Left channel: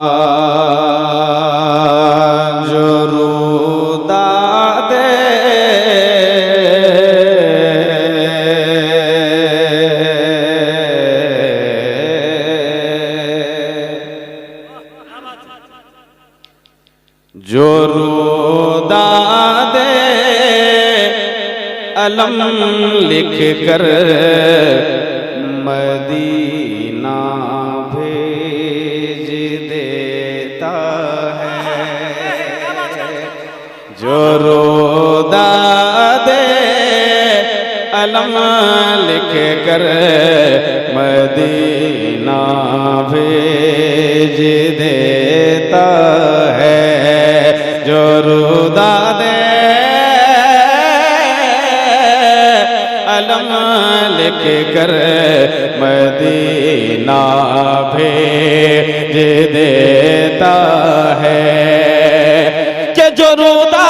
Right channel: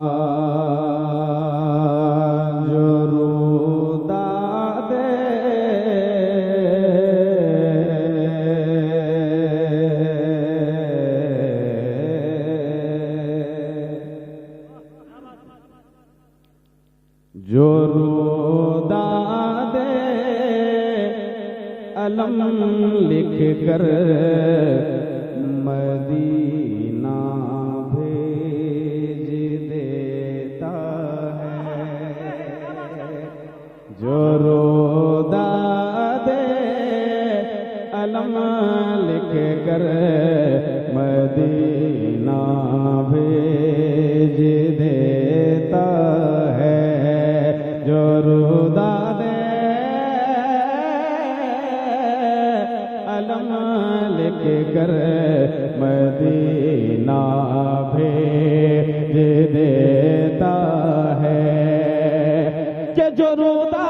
जो रुदा दे जो रुदा दे अलम लिख कर मदीना भेज देता है। जो रुदा दे अलम लिख कर मदीना भेज देता है। जो रुदा दे अलम लिख कर मदीना भेज देता है। कि जो रुदा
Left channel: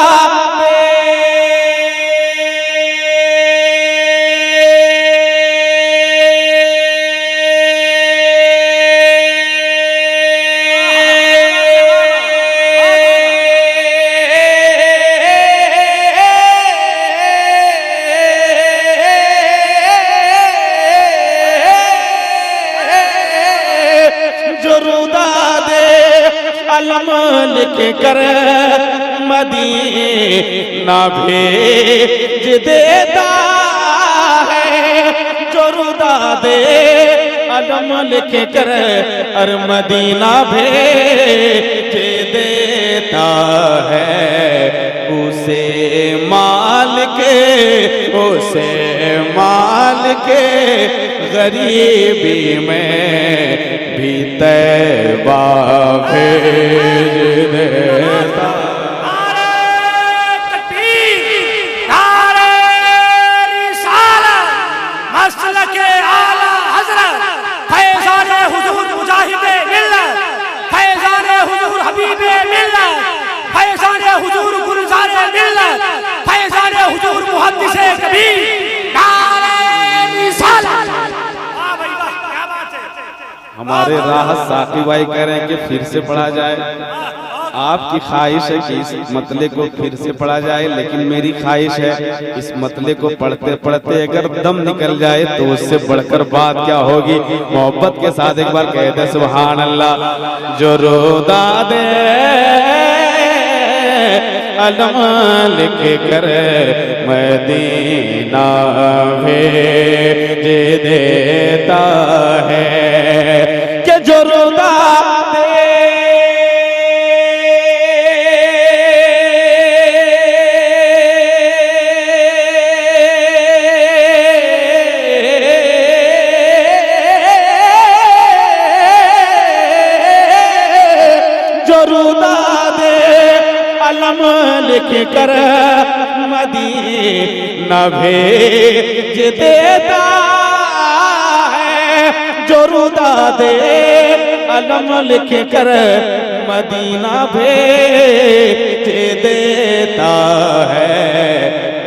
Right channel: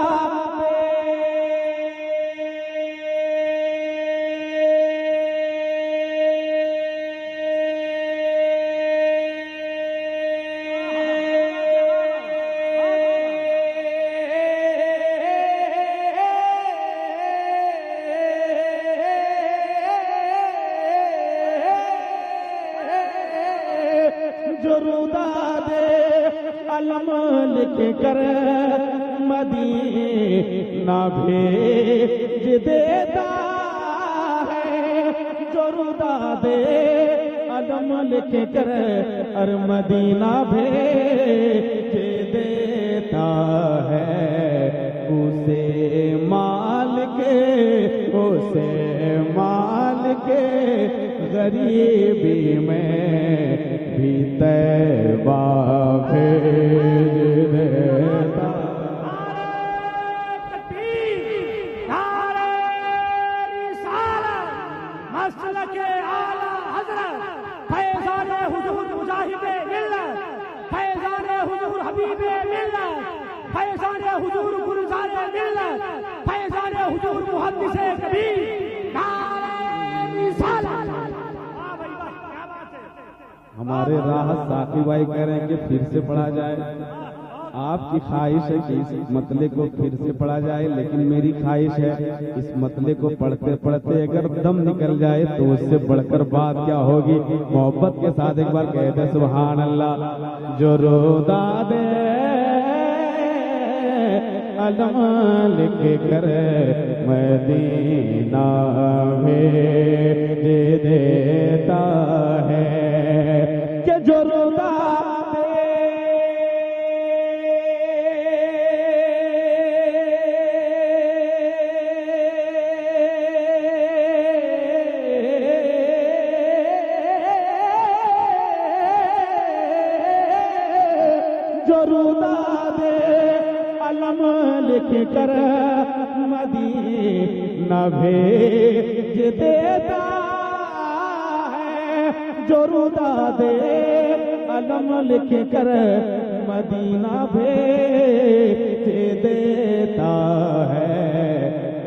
जो रुदा दे अलम लिख कर मदीना भेज देता है। जो रुदा दे अलम लिख कर और मदीना भेज देता है। उसे माल के गरीबी में भी तैबा भेज देता। मसलके आला हज़रत फैज़ाने हुज़ूर मुजाहिदे मिल्लत, फैज़ाने हुज़ूर हबीबे मिल्लत, फैज़ाने हुज़ूर गुलज़ारे मिल्लत, फैज़ाने हुज़ूर मुहद्दिसे कबीर। हमारे राहत साकी भाई कह रहे हैं कि फिर से पढ़ा जाए। आपकी ख्वाहिश है कि इस मतले को फिर से पढ़ा जाए, लेकिन मेरी ख्वाहिश है इस मतले को पढ़ते पढ़ते अगर दम निकल जाए तो उससे बढ़कर बात क्या होगी। मोहब्बत के साथ एक बार कह दे सुभान अल्लाह। जो रुदा दे अलम लिख कर मदीना भेज देता है। कि जो रुदा दे जो रुदा दे अलम लिख कर मदीना भेज देता है। जो रुदा दे अलम लिख कर मदीना भेज देता है।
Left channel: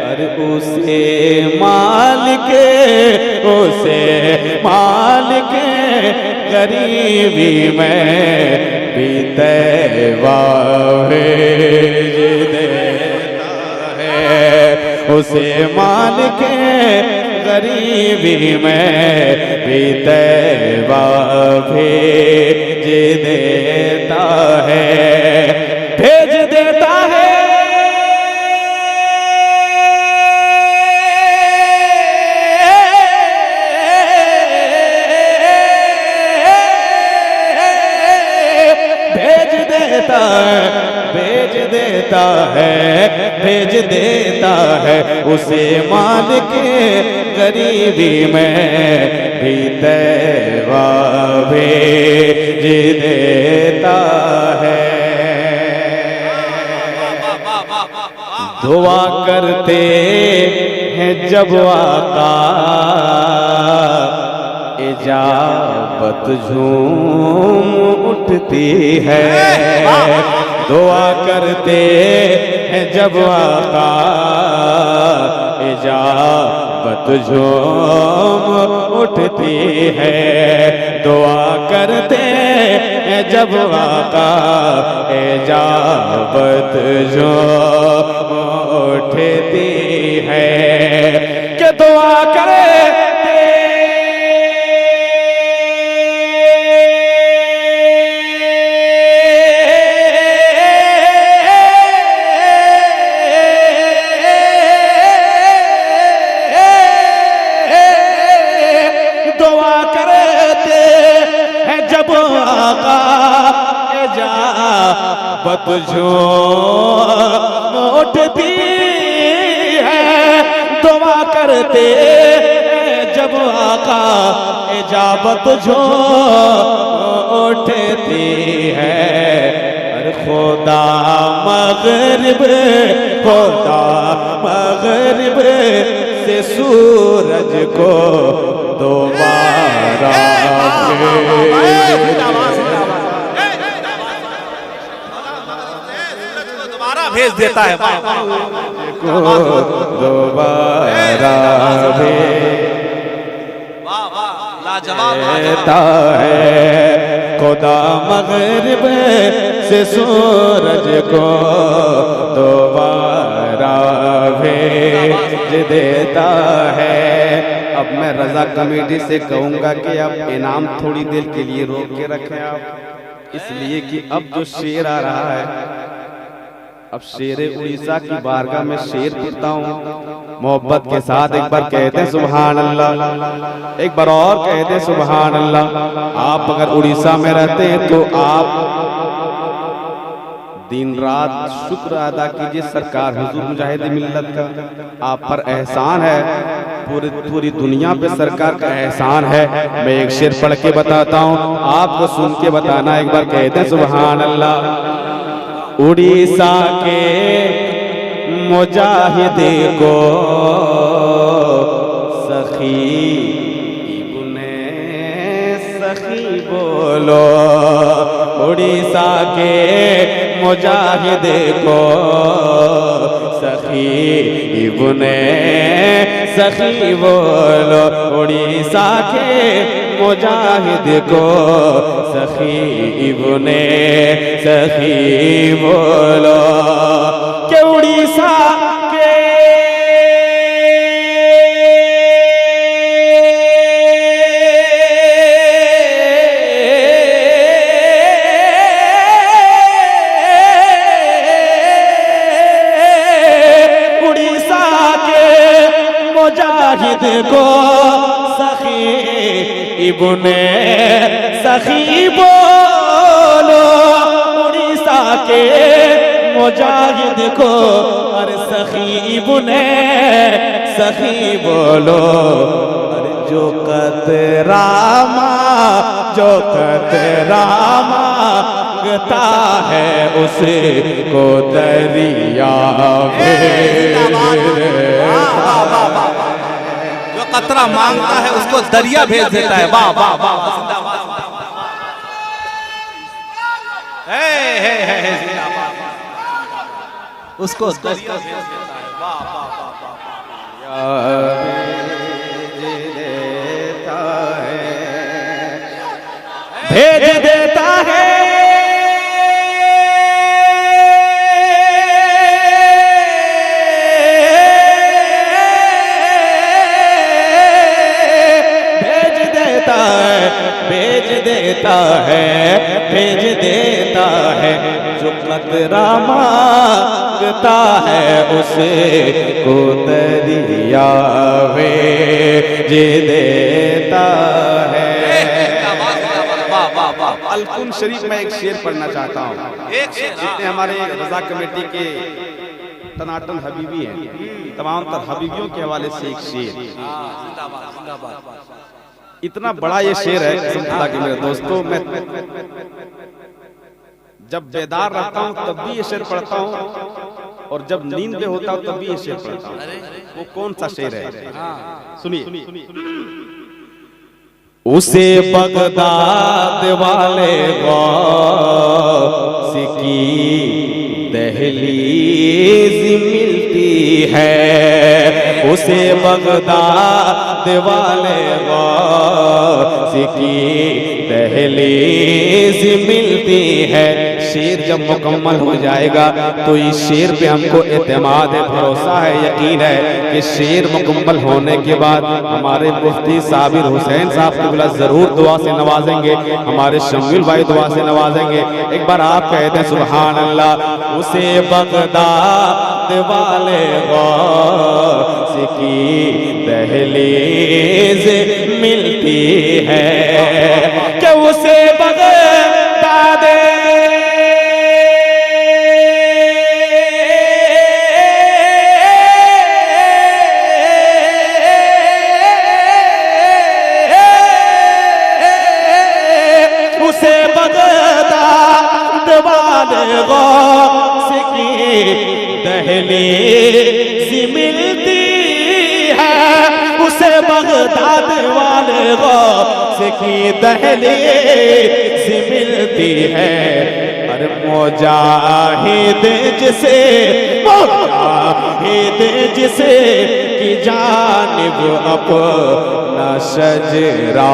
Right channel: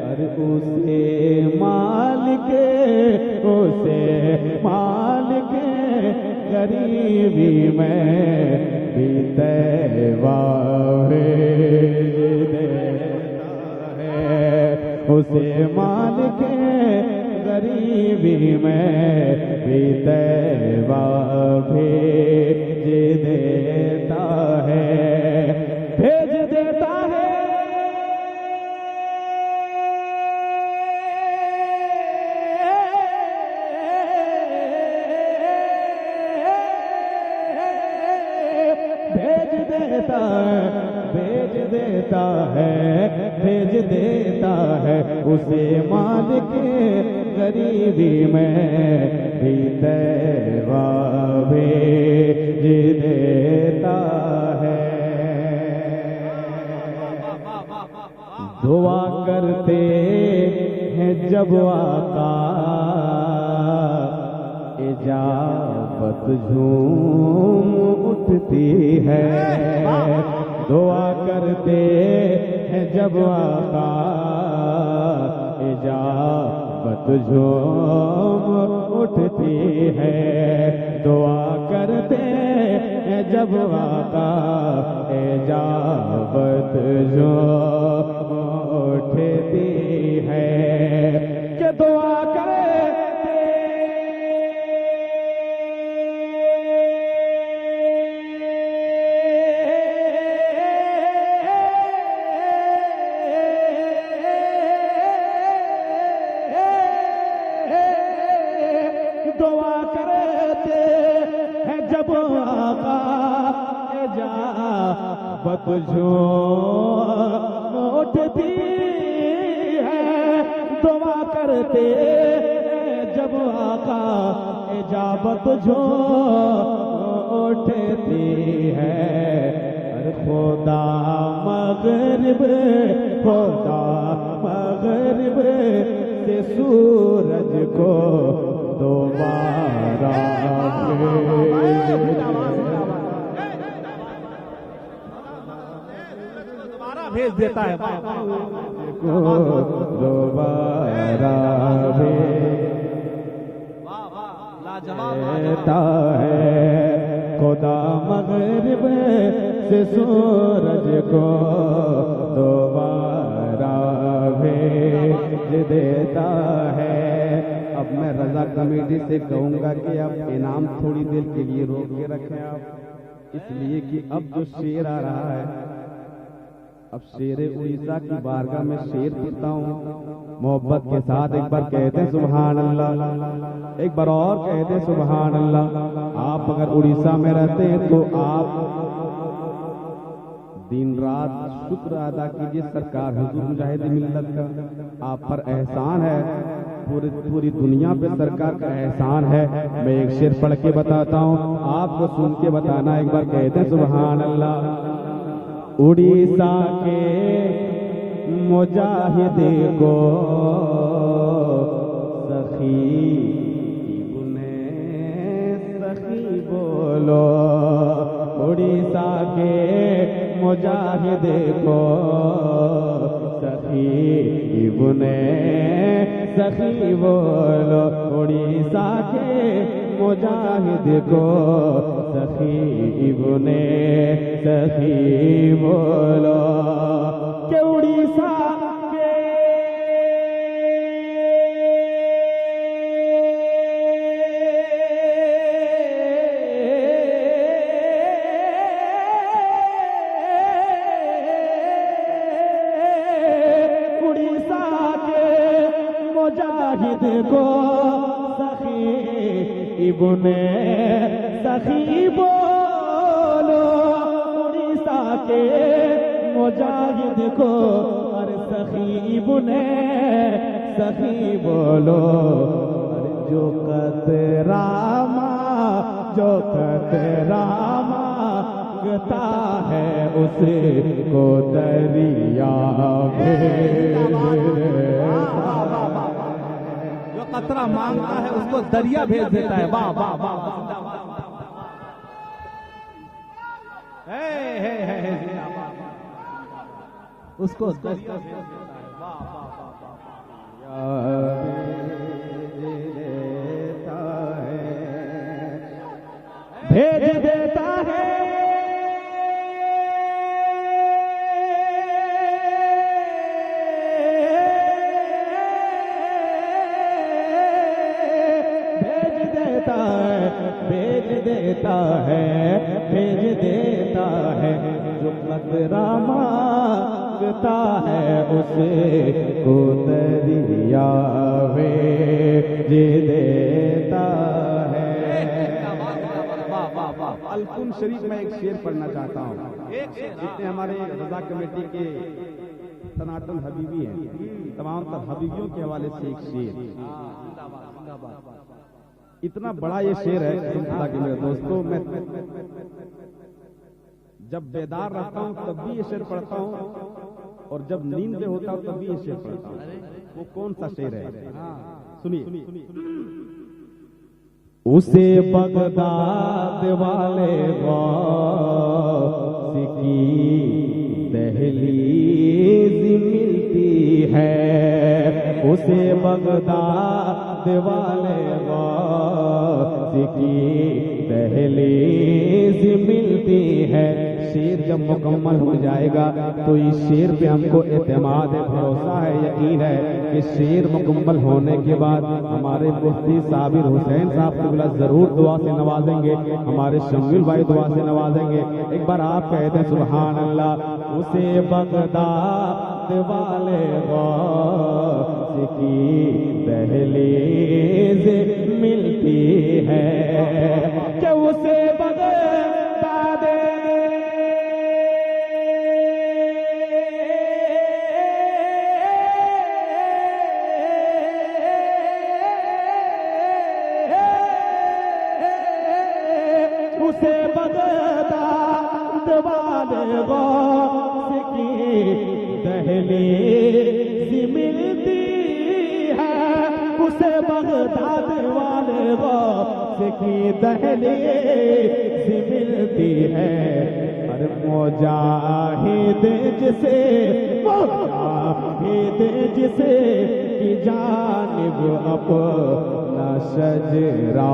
अरे उसे माल के गरीबी में भी तैबा भेज देता है। उसे माल के गरीबी में भी तैबा भेज देता है। भेज देता है। भेज देता है उसे माल के गरीबी में भी तैबा भेज देता है। दुआ करते हैं जब आका इजाबत झूम उठती है। दुआ करते हैं जब आका इजाबत झूम उठती है। दुआ करते जब आका इजाबत जो उठती है कि दुआ करे बत जो उठती है दुआ करते जब आका इजाबत जो उठती है। अरे खुदा मगरिब से सूरज को दोबारा भेज देता है को दोबारा देता है। खुदा मगरिब से सूरज को दोबारा भेज देता है। अब मैं रजा कमेटी से कहूँगा कि आप इनाम थोड़ी देर के लिए रोक के रखें आप, इसलिए कि अब जो शेर आ रहा है, अब शेरे उड़ीसा की बारगाह में शेर पढ़ता हूँ। मोहब्बत के साथ एक बार कहते हैं सुभान अल्लाह, एक बार और कहते हैं सुभान अल्लाह। आप अगर उड़ीसा में रहते हैं तो आप दिन रात शुक्र अदा कीजिए सरकार हुजूर मुजाहिद मिल्लत का, आप पर एहसान है, पूरी दुनिया पे सरकार का एहसान है। मैं एक शेर पढ़ के बताता हूँ, आपको सुन के बताना। एक बार कहते हैं सुभान अल्लाह। उड़ीसा के मुजाहिदे को सखी इब्ने सखी बोलो, उड़ीसा के मुजाहिदे को सखी इब्ने सखी बोलो, उड़ीसा के मुजाहिद को सखी इब्ने सखी बोलो कि उड़ीसा के उड़ीसा के मुजाहिद को सखी इब्ने सखी बोलो, उड़ीसा के मुजाहिद को अरे सखी इब्ने सखी बोलो। अरे जो कतरा मांगता है उसे को दरिया कतरा मांगता है उसको दरिया भेज देता है। वाह वाह वाह, उसको दरिया भेज देता है। वाह वाह वाह, भेज देता है। भेज देता है जो कतरा मांगता है उसे को दरिया भेज देता है। अलकुन शरीफ में एक शेर पढ़ना चाहता हूँ। जितने हमारे रजा कमेटी के तनातन हबीबी हैं, तमाम तर हबीबियों के हवाले से एक शेर। इतना बड़ा ये शेर है कसम खुदा के मेरे दोस्तों, मैं जब बेदार रहता हूँ तब भी ये शेर पढ़ता हूँ और जब नींद में होता हूँ तब भी ये शेर पढ़ता हूँ। वो कौन सा शेर है सुनिए। उसे बगदाद वाले गौस की दहलीज मिलती है, उसे बगदाद वाले गौस की दहलीज मिलती है। शेर जब मुकम्मल हो जाएगा तो इस शेर पे हमको एतमाद है, भरोसा है, यकीन है कि शेर मुकम्मल होने के बाद हमारे मुफ्ती साबिर हुसैन साहब क़िबला जरूर दुआ से नवाजेंगे, हमारे शमील भाई दुआ से नवाजेंगे। एक बार आप कहते हैं सुभान अल्लाह। उसे बगदाद वाले गौस की दहलीज मिलती है कि उसे बगदाद उसे बगदाद वाले गौस की दहलीज मिलती है। उसे बगदाद वाले गौस की दहलीज मिलती है। अरे मुजाहिद जिसे की जानिब अपना शजरा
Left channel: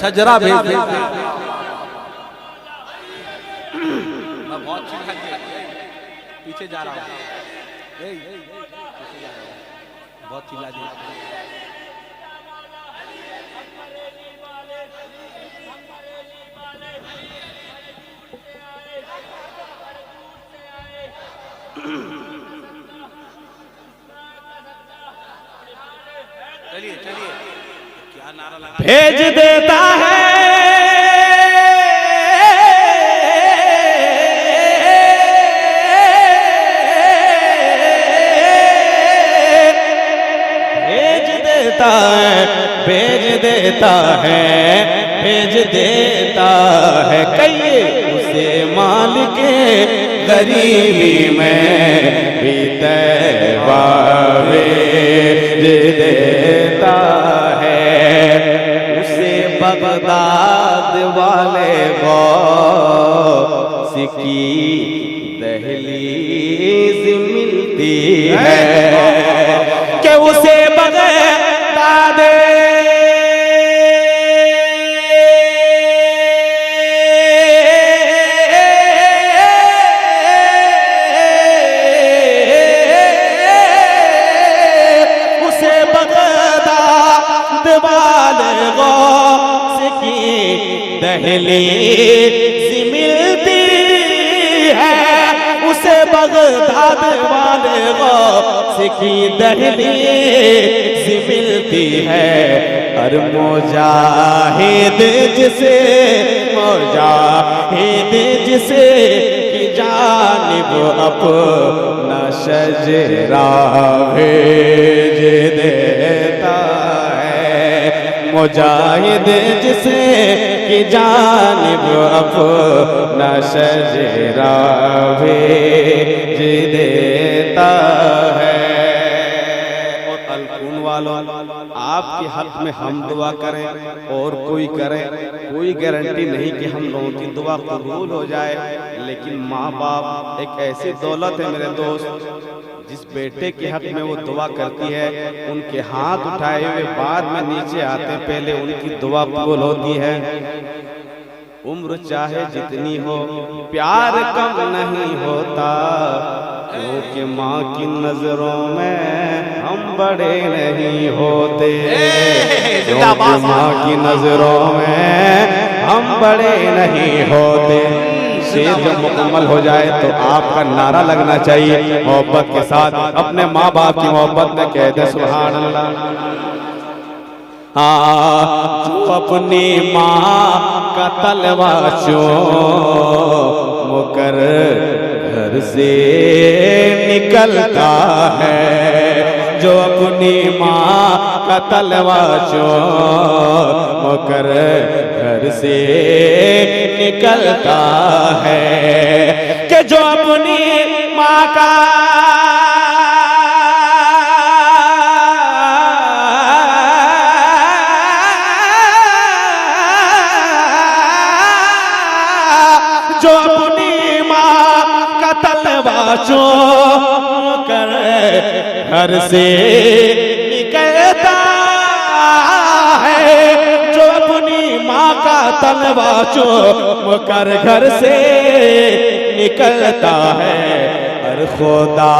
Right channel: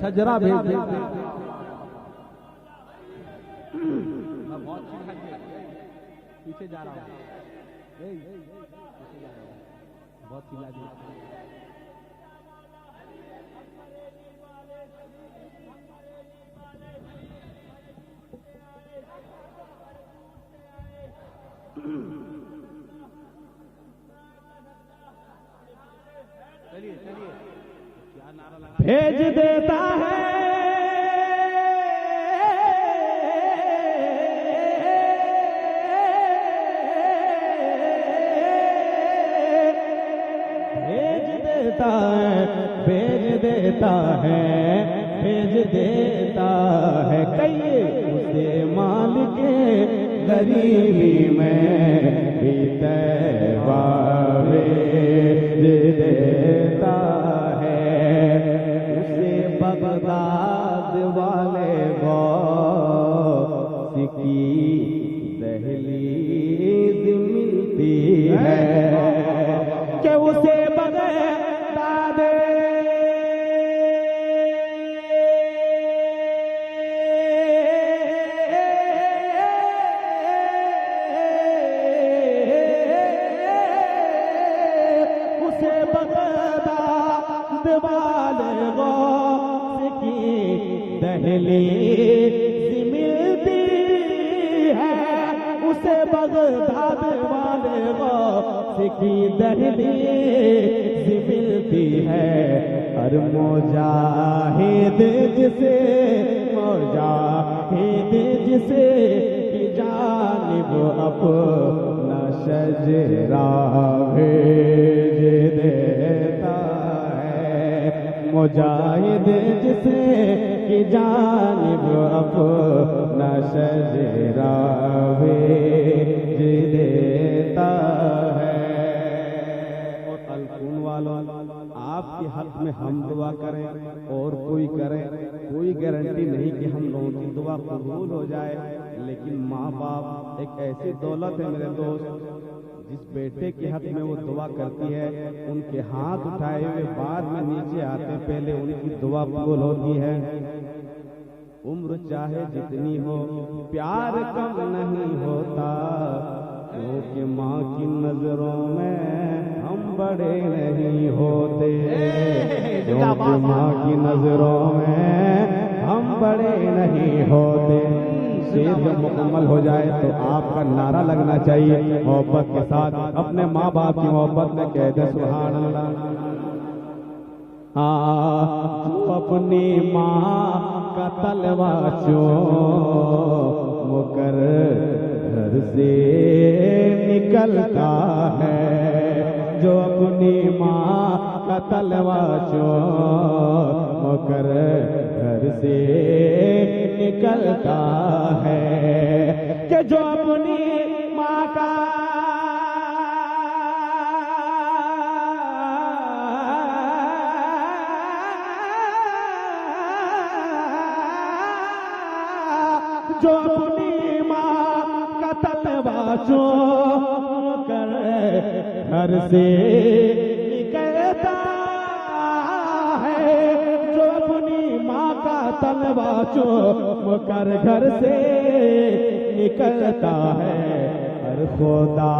शजरा भेज दे। पीछे जा रहा हूँ, बहुत चिल्ला दिया। चलिए चलिए, क्या नारा लगा भेज देता है भेज देता है भेज देता है कहिए उसे मालिक गरीबी में भी तैबा भेज देता है। उसे बगदाद वाले गौस की दहलीज मिलती है कि उसे दहलीज मिलती है। उसे बगदाद वाले गौस की दहलीज मिलती है। और मुजाहिद जिसे की जानिब अपना शजरा भेज देता है। मुजाहिद जिसे की जानिब अपना शजरा भेज देता है। और अलकुन वालों, आपके हक में हम दुआ करें और कोई करे, कोई गारंटी नहीं कि हम लोगों की दुआ कबूल हो जाए। लेकिन माँ बाप एक ऐसी दौलत है मेरे दोस्त, जिस बेटे के हक में वो दुआ करती है, उनके हाथ उठाए हुए बाद में नीचे आते, पहले उनकी दुआ कबूल होती है। उम्र चाहे जितनी हो प्यार कम नहीं होता, क्योंकि माँ की नजरों में हम बड़े नहीं होते। क्योंकि माँ की नजरों में हम बड़े नहीं होते। शेर जब मुकम्मल हो जाए तो आपका नारा लगना चाहिए मोहब्बत के साथ, अपने माँ बाप की मोहब्बत में कहते सुभान अल्लाह। जो अपनी माँ का तलवा चूम कर घर से निकलता है, जो अपनी माँ का तलवा चूम कर घर से निकलता है, कि जो अपनी माँ का तलवा चूम कर घर से निकलता है, जो अपनी माँ का तलवा चूम कर घर से निकलता है। और खुदा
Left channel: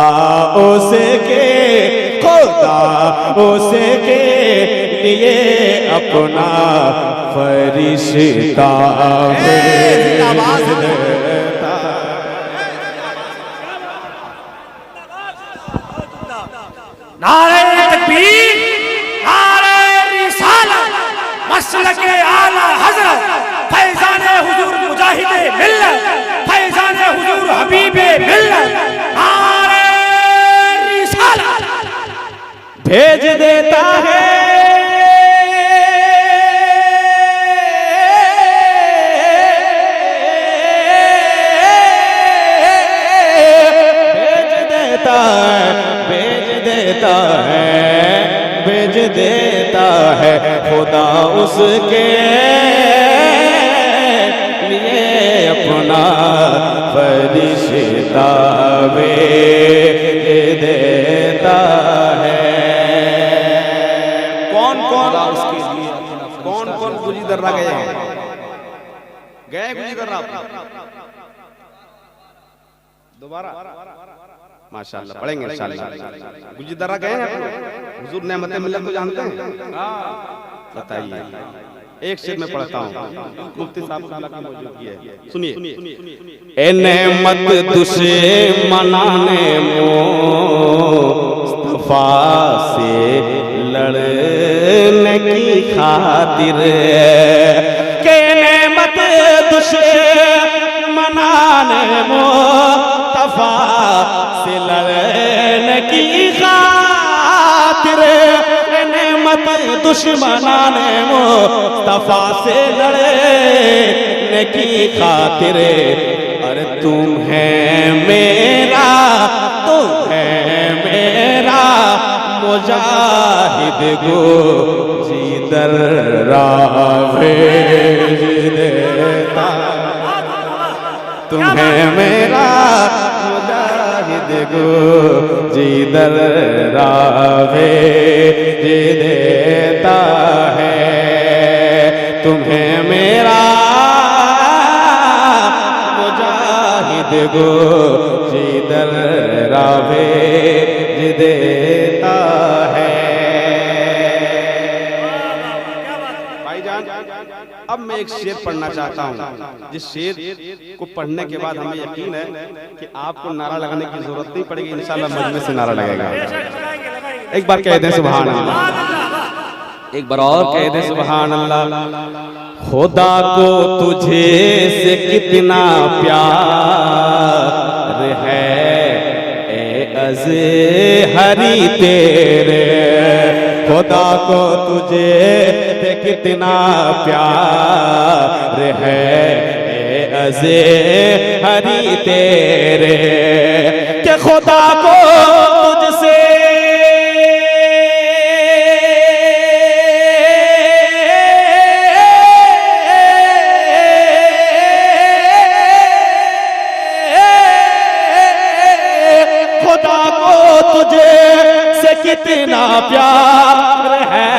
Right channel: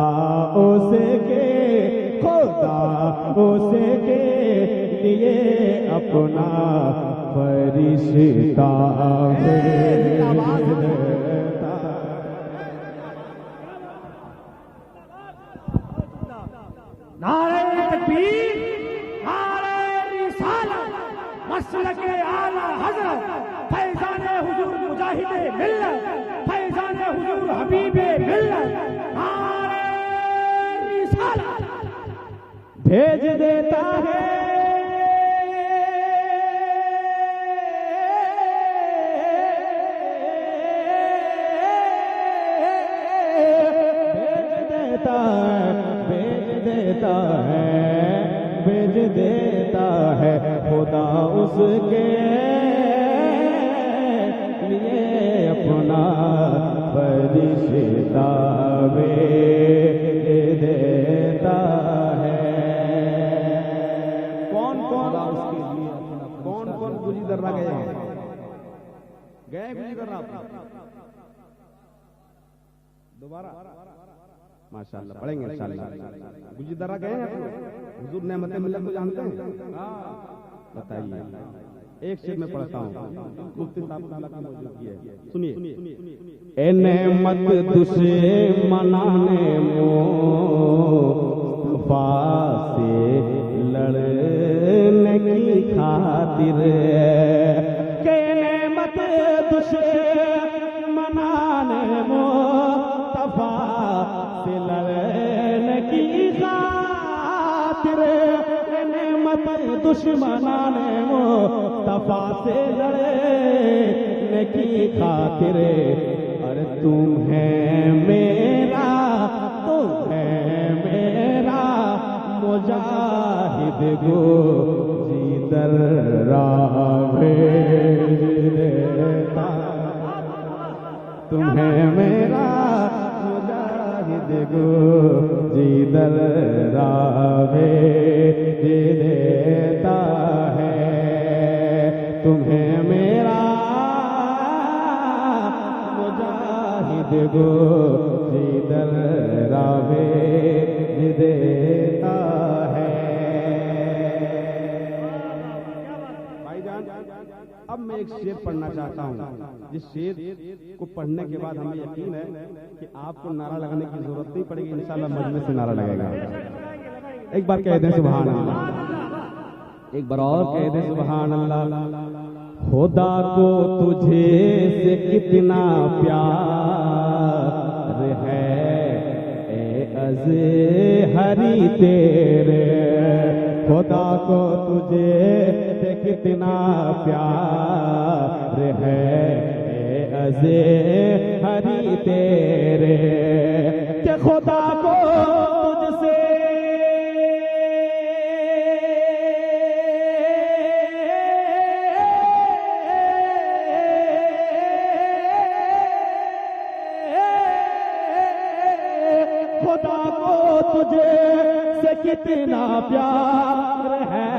उसके लिए अपना फरिश्ता भेज देता। नारे तकबीर, नारे रिसालत, मसलके आला हज़रत, फैज़ाने हुजूर मुजाहिदे मिल्लत, फैज़ाने हुजूर हबीबे मिल्लत, नारे रिसालत भेज देता है। भेज देता है खुदा उसके लिए अपना फरिश्ता भेज देता है। कौन कौन गुजी दर्रा गए गुजी दर्रा दोबारा माशाअल्लाह पढ़ेंगे इंशाअल्लाह। गुजी दर्रा गए हैं हुजूर नेमत मिल्लत को जानते हैं? बताइए। एक शेर में पढ़ता हूँ, मुफ्ती साहब की मौजूदगी है, सुनिए। ए नेमत दुश्मनाने मुस्तफा से लड़ने की खातिर, के नेमत दुश्मनाने मुस्तफा से लड़ने की खातिर, नेमत दुश्मनाने मुस्तफा से लड़ने की खातिर। अरे तुम है मेरा मुजाहिद गो जिधर भेज देता। तुम है मेरा मुजाहिद गो जिधर भेज देता है। तुम्हें मेरा मुजाहिद गो जिधर भेज देता है। भाईजान, अब मैं एक शेर पढ़ना चाहता हूँ, जिस शेर को पढ़ने के बाद हमें यकीन है कि आपको नारा लगाने की जरूरत नहीं पड़ेगी, इंशाल्लाह मजमे से नारा लगेगा। एक बार कह दें सुभान अल्लाह, एक बार और कह दें सुभान अल्लाह। खुदा को तुझे से कितना प्यार है ए अज़हरी तेरे, खुदा को तुझे से कितना प्यार है ए अज़हरी तेरे, कि खुदा को तुझसे कितना प्यार है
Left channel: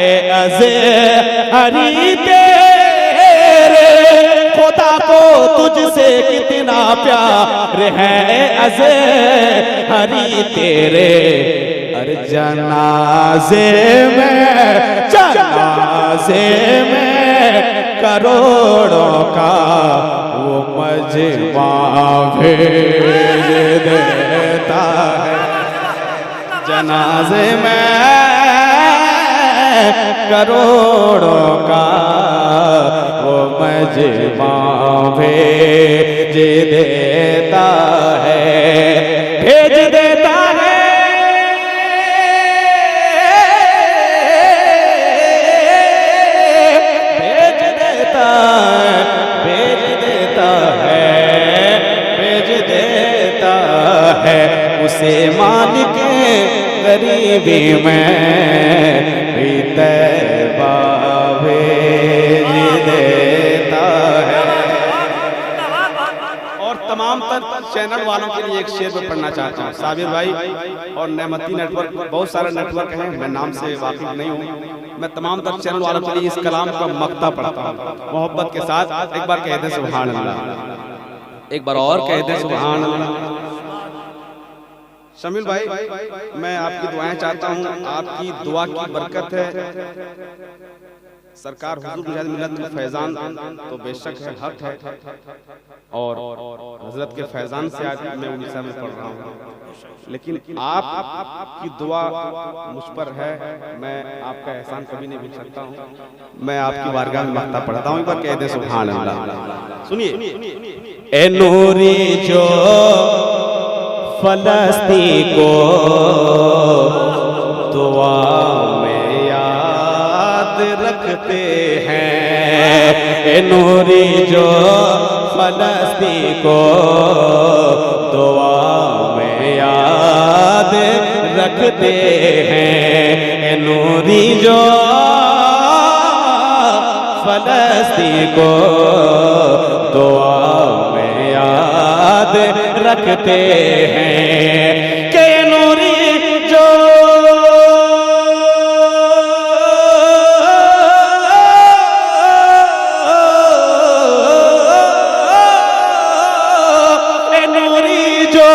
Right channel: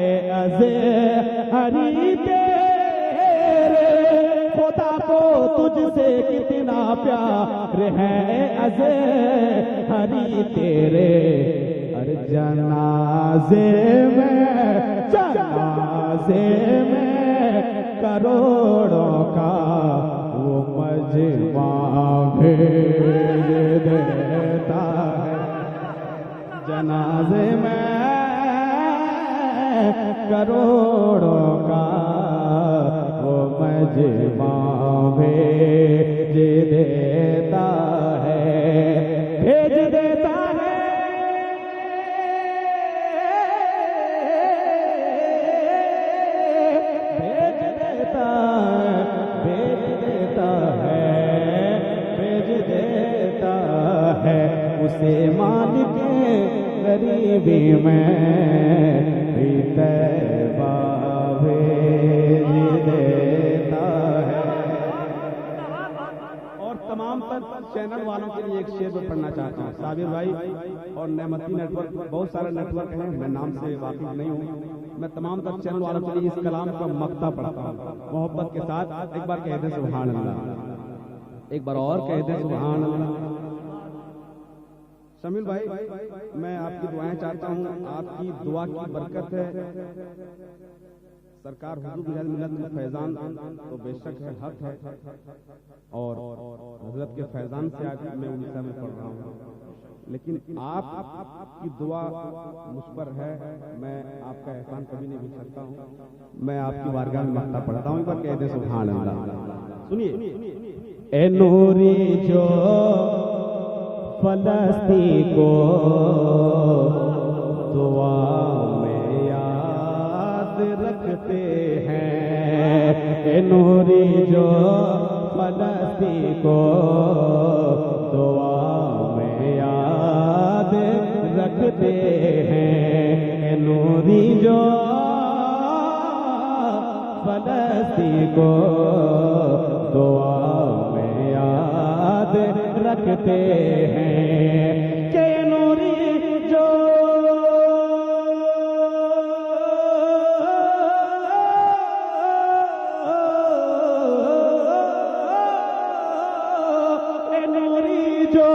ए अज़हरी तेरे, खुदा को तुझसे कितना प्यार है ए अज़हरी तेरे। अरे जनाजे में करोड़ों का वो मजमा भेज देता है। जनाजे में करोड़ों का वो मजमा भेज देता है, भेज देता है। भेज देता है, भेज देता है, भेज देता है। उसे मालिक गरीबी में भी तैबा भेज देता है। और तमाम तर तर चैनल वालों के लिए एक शेर में पढ़ना चाहता हूँ। साबिर भाई और नेमती नेटवर्क, बहुत सारे नेटवर्क हैं, मैं नाम से वाकिफ नहीं हूँ। मैं तमाम तर चैनल वालों के लिए इस कलाम का मक्ता पढ़ता हूँ मोहब्बत के साथ। एक बार कह दे सुभान अल्लाह, एक बार और कह दे सुभान अल्लाह। शमील भाई, मैं आपकी दुआएं चाहता हूँ, आपकी दुआ की बरकत है। सरकार हुजूर मुजाहिद मिल्लत के फैजान तो बेशक है, हक है, और हजरत के फैजान से आज मैं उड़ीसा में पढ़ रहा हूँ, लेकिन आपकी दुआ मुझ पर है। मैं आपका एहसान कभी नहीं भूल सकता हूँ। मैं आपकी बारगाह में मक्ता पढ़ता हूँ, एक बार कह दे सुभान अल्लाह। सुनिए, ए नूरी जो फलस्ती को दुआ में याद रखते हैं, ए नूरी जो फलस्ती को दुआ में याद रखते हैं, ए नूरी जो फलस्ती को दुआ में याद रखते हैं, के नूरी जो नूरी जो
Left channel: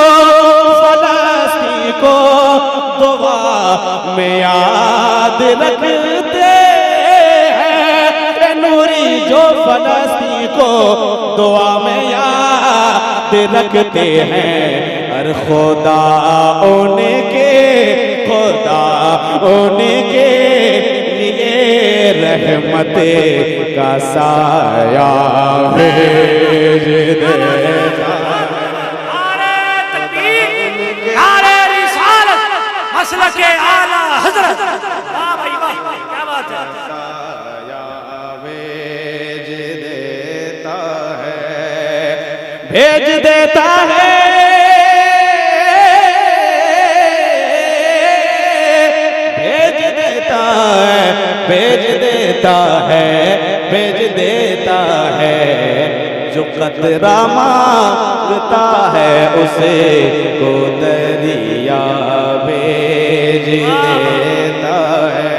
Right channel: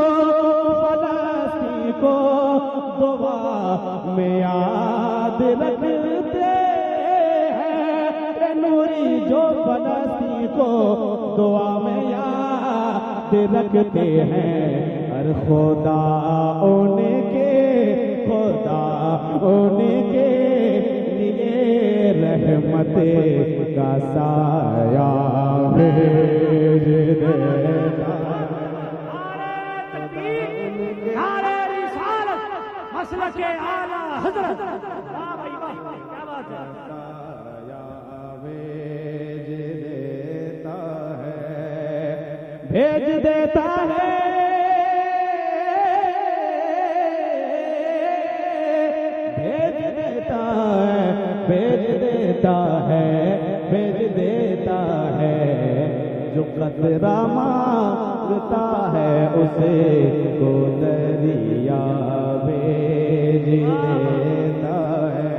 फलस्ती को दुआ में याद रखते हैं, नूरी जो फलस्ती को दुआ में याद रखते हैं। हर खुदा उनके लिए रहमत का साया भेज देता। नारे तकबीर, नारे रिसालत, मसलके आला हजरत। वाह भाई वाह, क्या बात है। भेज देता है, भेज देता है, भेज देता है, भेज देता है, जो कतरा मांगता है उसे को दरिया भेज देता है।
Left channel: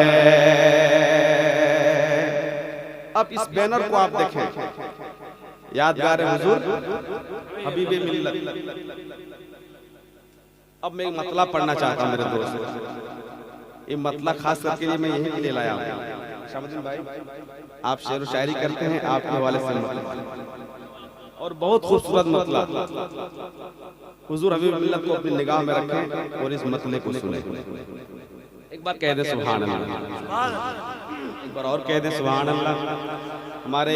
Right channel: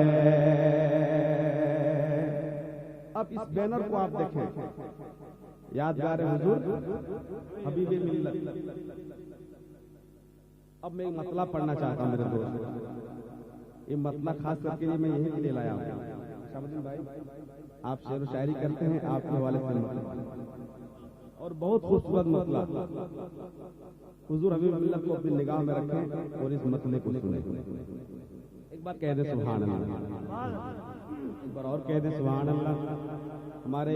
अब इस बैनर को आप देखें, यादगार हुजूर हबीबे मिल्लत। अब मैं एक मतला पढ़ना चाहता हूँ मेरे दोस्त, ये मतला खास करके लिए मैं यही के लिए लाया हूँ। शामुद्दीन भाई, आप शेर व शायरी करते हैं, आपके हवाले से मतला, और बहुत खूबसूरत मतला। हुजूर हबीबे मिल्लत को अपनी निगाह में रखें और इस मतले को सुने। एक बार कह दे सुभान अल्लाह, एक बार और कह दे सुभान अल्लाह। हमारे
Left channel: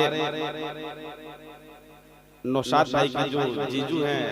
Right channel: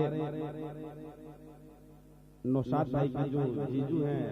नौशाद भाई के जो जीजू हैं